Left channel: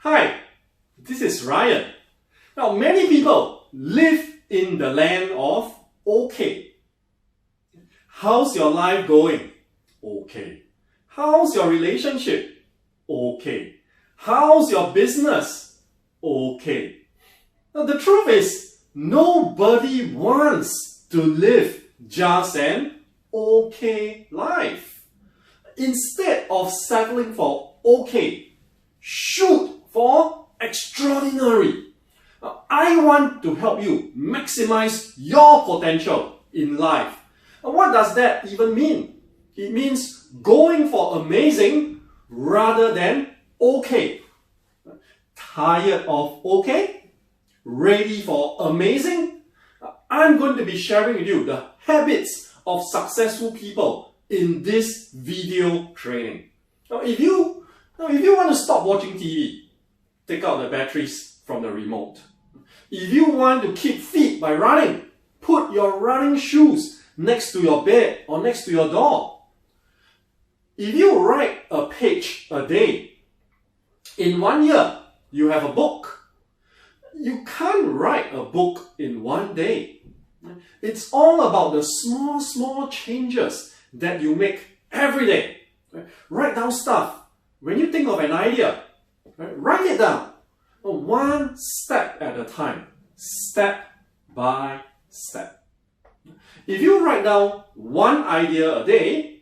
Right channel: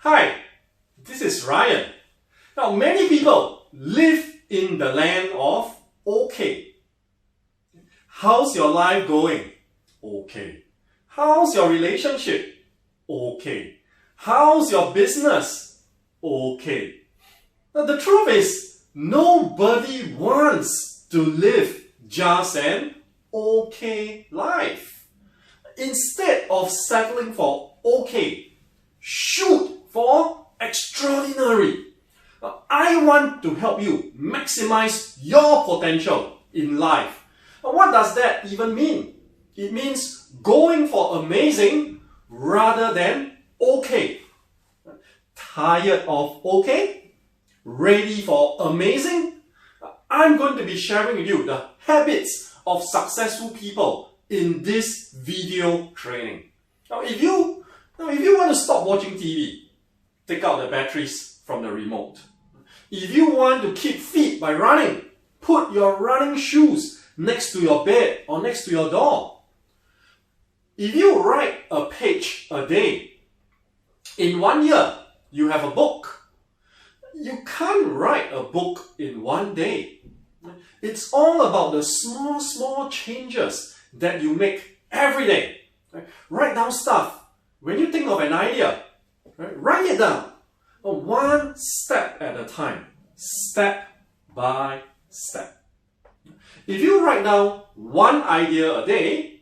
Hi, this is Ryan. Now, many people live in the land of okay. How's your life going? Okay. How's your relationship? Okay. How's your business? Okay. Now, the truth is, nobody wants to live just an okay life. Instead of settling for okay, shoot for extraordinary. I want to help you maximize your potential in life. What does that even mean? It means going for amazing rather than okay. Tired of okay? Ready for amazing? I'm going to be sharing with you the habits of successful people in this video training. Now, if you want to stop watching TV, take out the batteries from the remote. If you want to keep fit by running, put your running shoes next to your bed or next to your door. If you write a page a day, in 1 year, you have a book. You can't write a book in 1 day. It's all about the small changes that you make every day. Write down stuff. When you think of an idea, write it down. One step at a time. Step by step. If you write down one idea a day,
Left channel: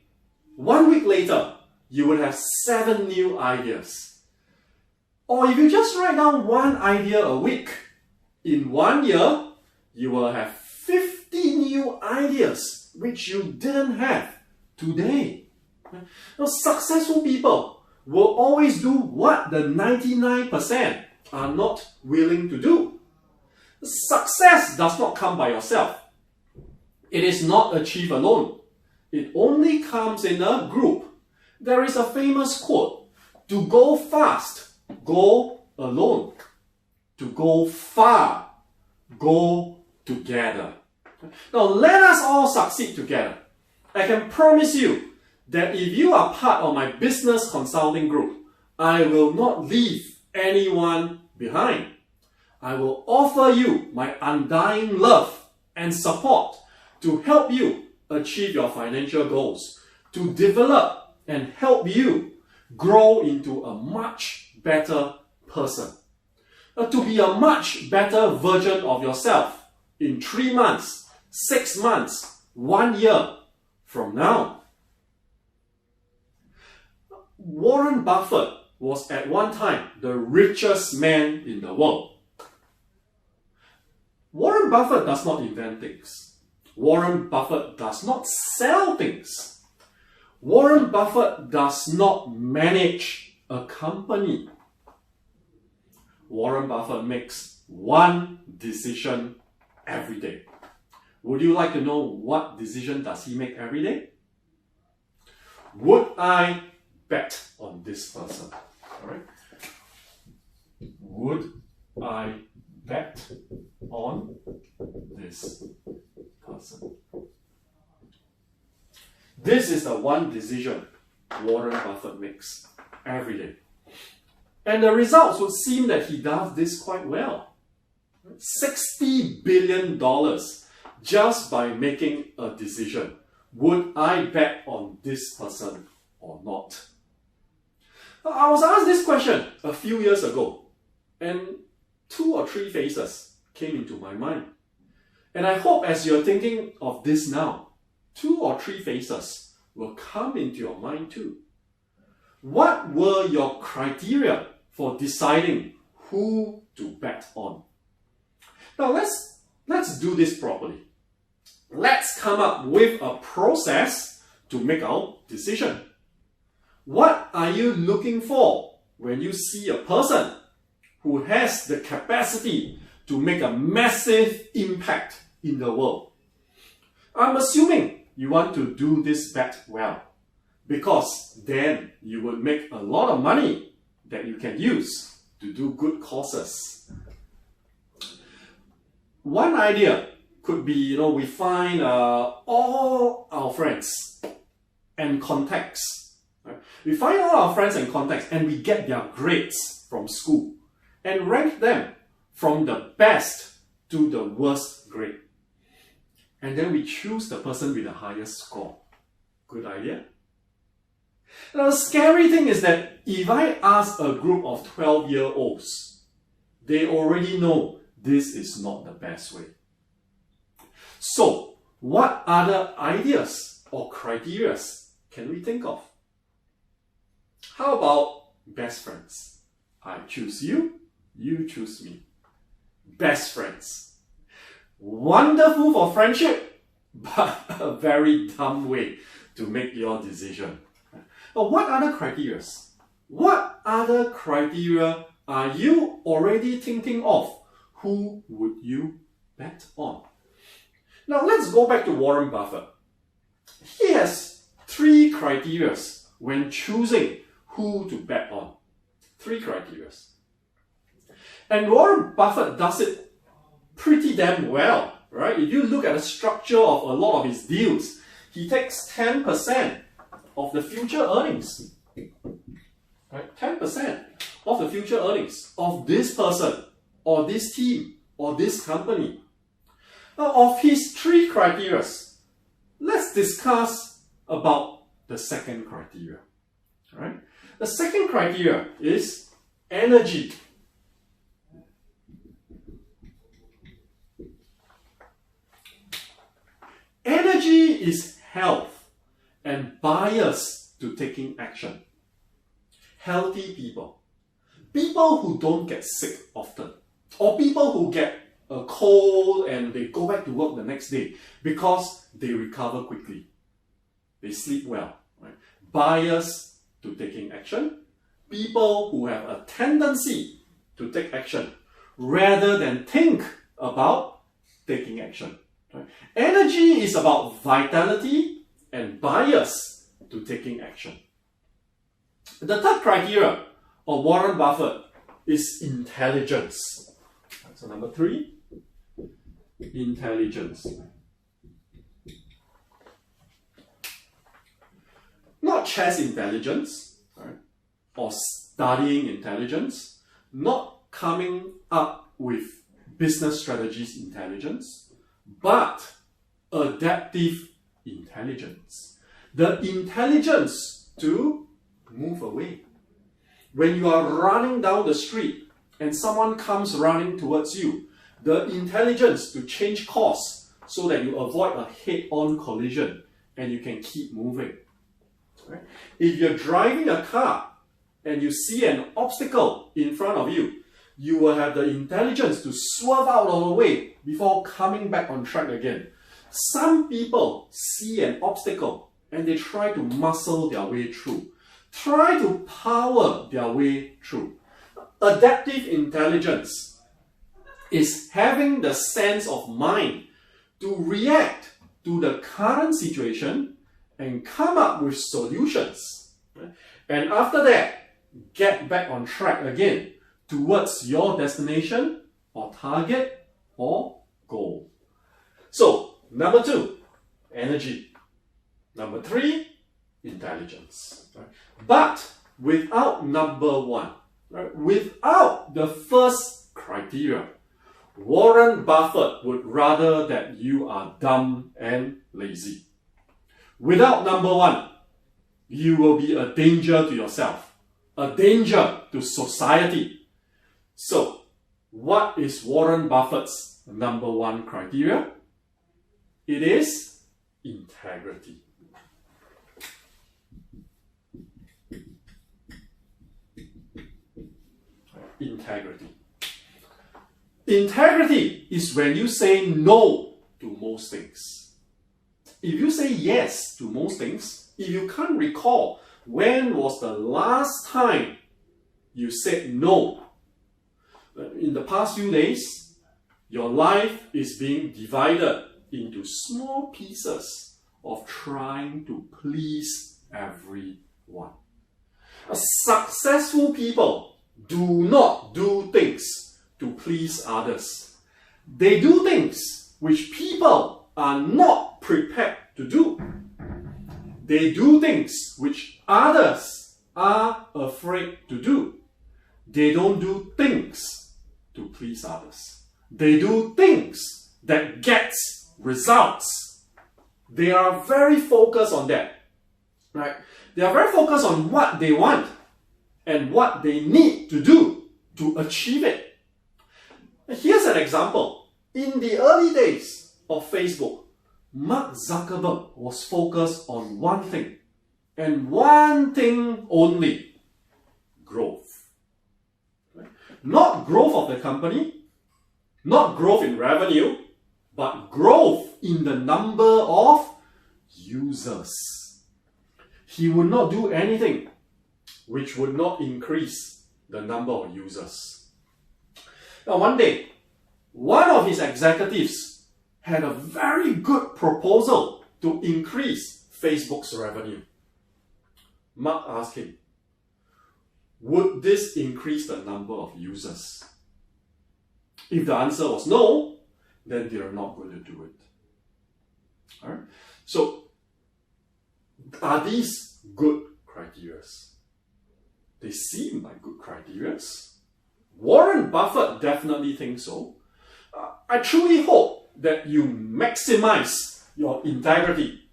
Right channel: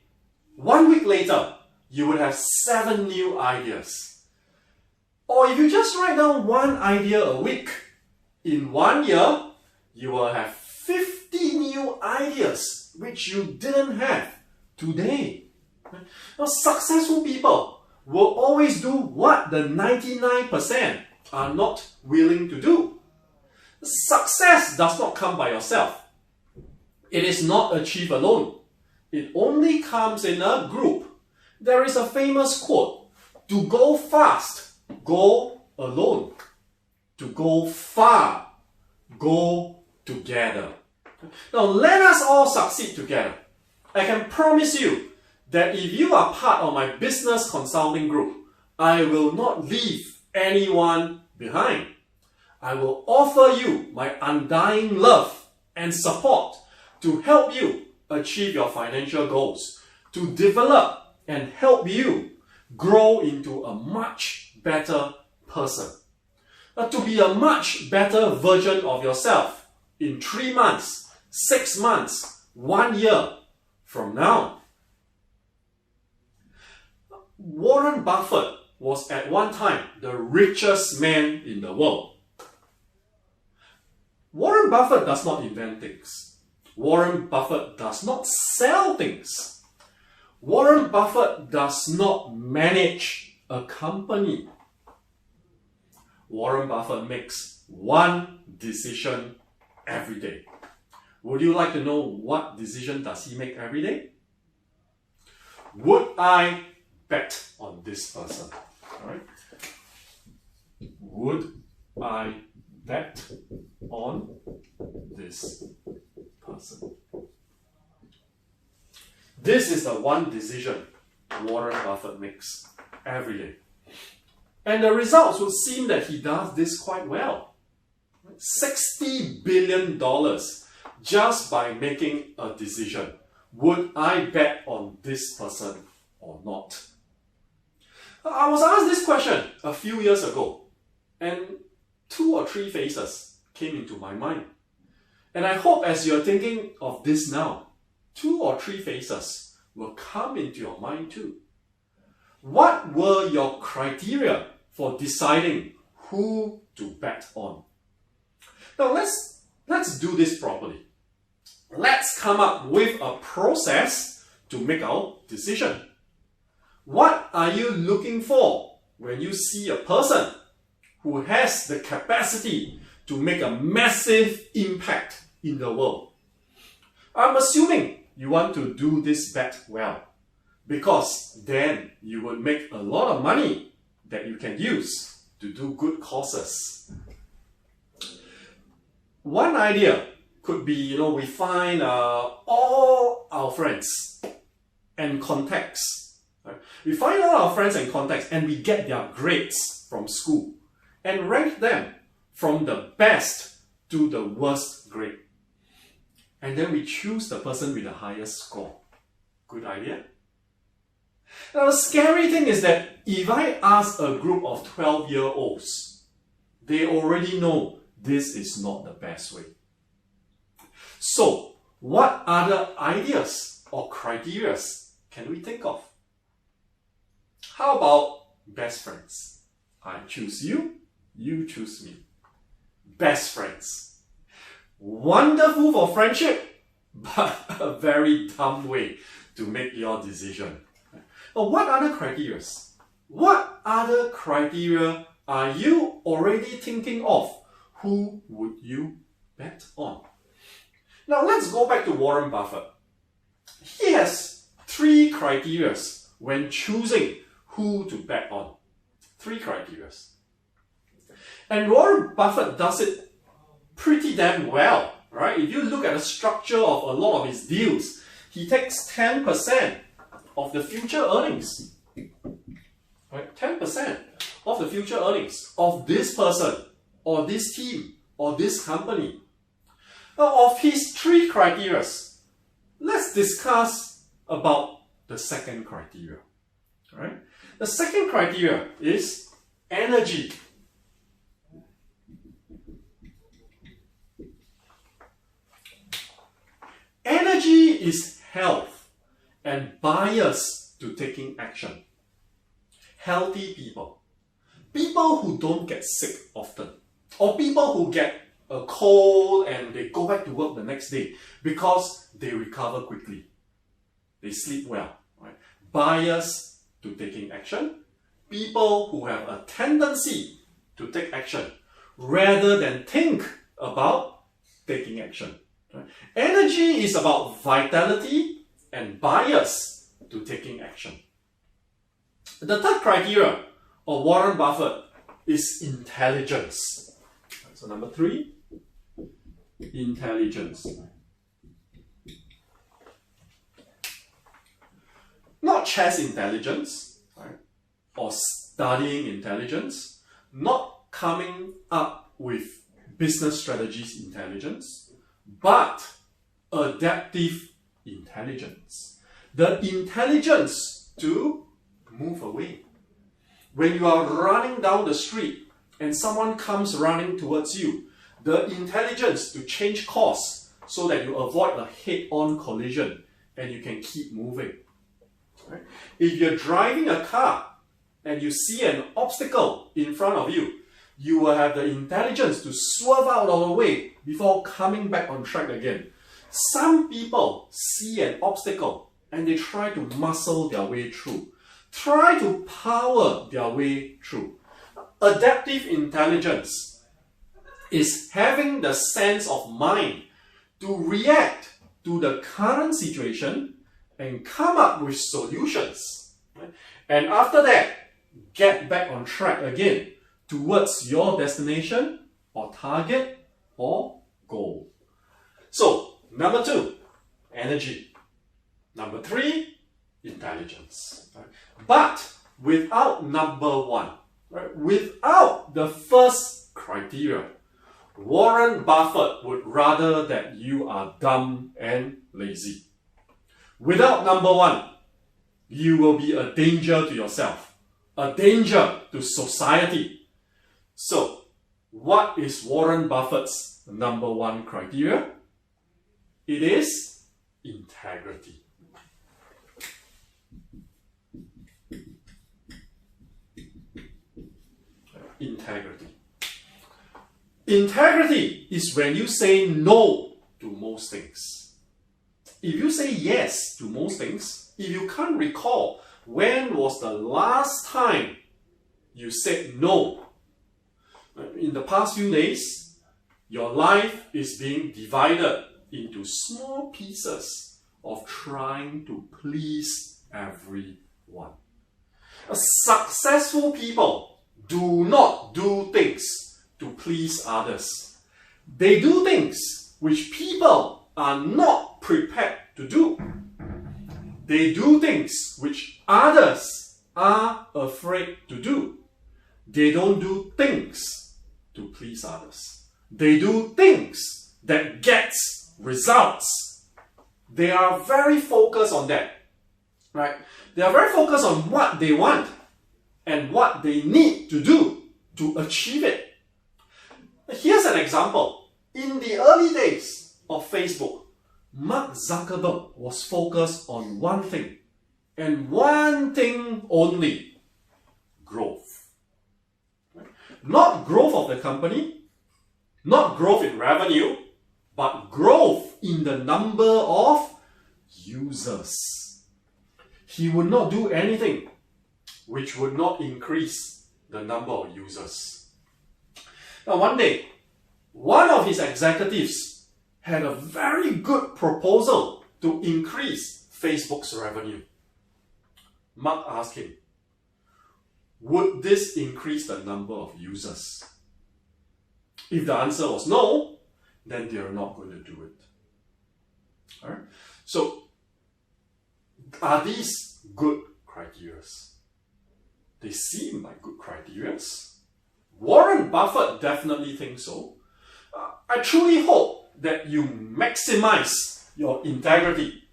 1 week later, you would have 7 new ideas. Or if you just write down one idea a week, in 1 year, you will have 50 new ideas which you didn't have today. Now, successful people will always do what the 99% are not willing to do. Success does not come by yourself. It is not achieved alone. It only comes in a group. There is a famous quote, to go fast, go alone. To go far, go together. Now let us all succeed together. I can promise you that if you are part of my business consulting group, I will not leave anyone behind. I will offer you my undying love and support to help you achieve your financial goals, to develop and help you grow into a much better person, to be a much better version of yourself in 3 months, 6 months, 1 year from now. Warren Buffett was at one time the richest man in the world. Warren Buffett does not invent things. Warren Buffett does not sell things. Warren Buffett does not manage a company. Warren Buffett makes one decision every day. Would you like to know what decision does he make every day? Would I bet on this person? All right. Would I bet on this person? This is the one decision Warren Buffett makes every day. And the results would seem that he does this quite well. $60 billion just by making a decision. Would I bet on this person or not? I was asked this question a few years ago, and 2 or 3 faces came into my mind. And I hope as you're thinking of this now, 2 or 3 faces will come into your mind too. What were your criteria for deciding who to bet on? Now let's do this properly. Let's come up with a process to make our decision. What are you looking for when you see a person who has the capacity to make a massive impact in the world? I'm assuming you want to do this bet well, because then you would make a lot of money that you can use to do good causes. One idea could be, we find all our friends and contacts Right? We find all our friends and contacts and we get their grades from school and rank them from the best to the worst grade. And then we choose the person with the highest score. Good idea? Now, the scary thing is that if I ask a group of 12-year-olds, they already know this is not the best way. So, what other ideas or criteria can we think of? How about best friends? I choose you, you choose me. Best friends. Wonderful for friendship, but a very dumb way to make your decision. But what other criteria? What other criteria are you already thinking of? Who would you bet on? Now let's go back to Warren Buffett. He has 3 criteria when choosing who to bet on. 3 criteria. And Warren Buffett does it pretty damn well, right? If you look at the structure of a lot of his deals, he takes 10% of the future earnings. Right? 10% of the future earnings of this person, or this team, or this company. Now, of his 3 criteria, let's discuss about the second criteria. Right? The second criteria is energy. Energy is health and bias to taking action. Healthy people. People who don't get sick often. Or people who get a cold and they go back to work the next day because they recover quickly. They sleep well. Right? Bias to taking action. People who have a tendency to take action rather than think about taking action. Right? Energy is about vitality and bias to taking action. The third criteria of Warren Buffett is intelligence. So number 3, intelligence. Not chess intelligence, right? Or studying intelligence, not coming up with business strategies intelligence, but adaptive intelligence. The intelligence to move away. When you are running down the street and someone comes running towards you, the intelligence to change course so that you avoid a head-on collision and you can keep moving. Right? If you're driving a car and you see an obstacle in front of you, you will have the intelligence to swerve out of the way before coming back on track again. Some people see an obstacle and they try to muscle their way through. Try to power their way through. Adaptive intelligence is having the sense of mind to react to the current situation and come up with solutions. And after that, get back on track again towards your destination or target or goal. So, number 2, energy. Number 3, intelligence. Right? But without number 1, right? Without the first criteria, Warren Buffett would rather that you are dumb and lazy. Without number 1, you will be a danger to yourself, a danger to society. So, what is Warren Buffett's number 1 criteria? It is integrity. Integrity. Integrity is when you say no to most things. If you say yes to most things, if you can't recall when was the last time you said no, in the past few days, your life is being divided into small pieces of trying to please everyone. Successful people do not do things to please others. They do things which people are not prepared to do. They do things which others are afraid to do. They don't do things to please others. They do things that gets results. They are very focused on that, right? They are very focused on what they want and what they need to do to achieve it. Here's an example. In the early days of Facebook, Mark Zuckerberg was focused on one thing, and one thing only: growth. Right? Not growth of the company, not growth in revenue, but growth in the number of users. He would not do anything which would not increase the number of users. Now, one day, one of his executives had a very good proposal to increase Facebook's revenue. Mark asked him, would this increase the number of users? If the answer was no, then they're not going to do it. All right? So, are these good criteria? They seem like good criteria. Warren Buffett definitely thinks so. I truly hope that you maximize your integrity,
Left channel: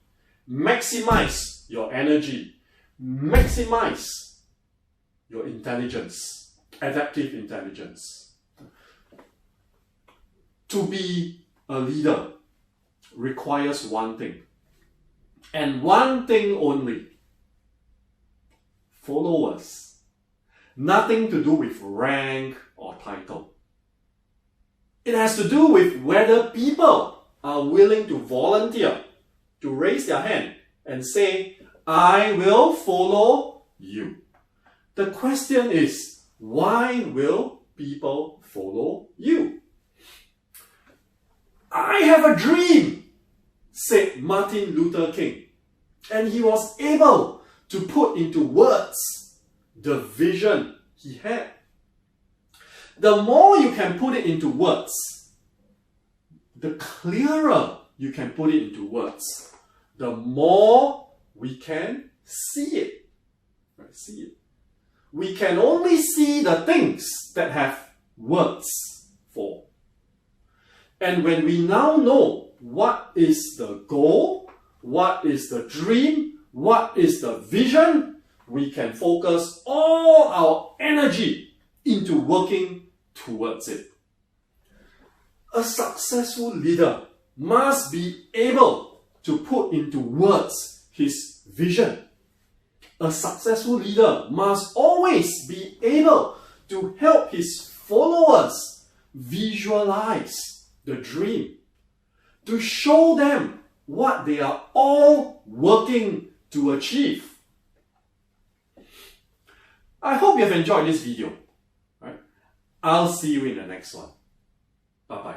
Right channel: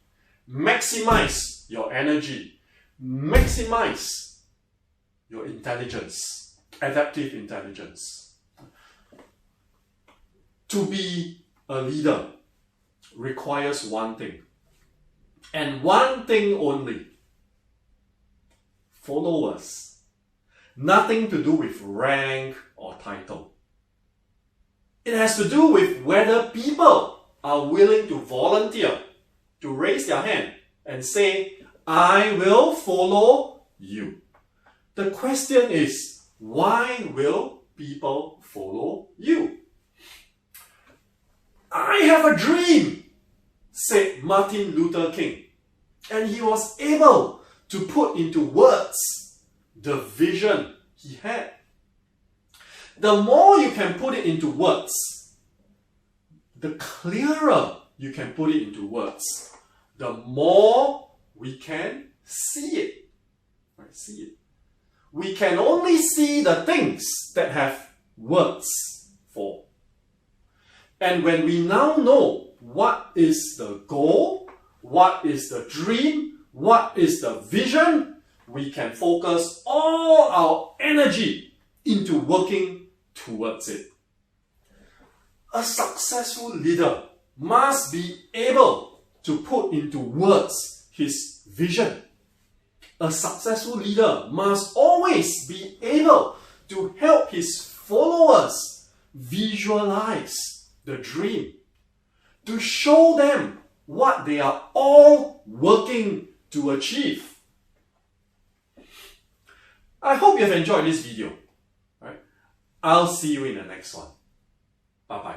maximize your energy, maximize your intelligence, adaptive intelligence. To be a leader requires one thing, and one thing only: followers. Nothing to do with rank or title. It has to do with whether people are willing to volunteer, to raise their hand and say, I will follow you. The question is, why will people follow you? I have a dream, said Martin Luther King, and he was able to put into words the vision he had. The more you can put it into words, the clearer you can put it into words, the more we can see it. Right? See it. We can only see the things that have words for. And when we now know what is the goal, what is the dream, what is the vision, we can focus all our energy into working towards it. A successful leader must be able to put into words his vision. A successful leader must always be able to help his followers visualize the dream, to show them what they are all working to achieve. I hope you have enjoyed this video. Right? I'll see you in the next one. Bye-bye.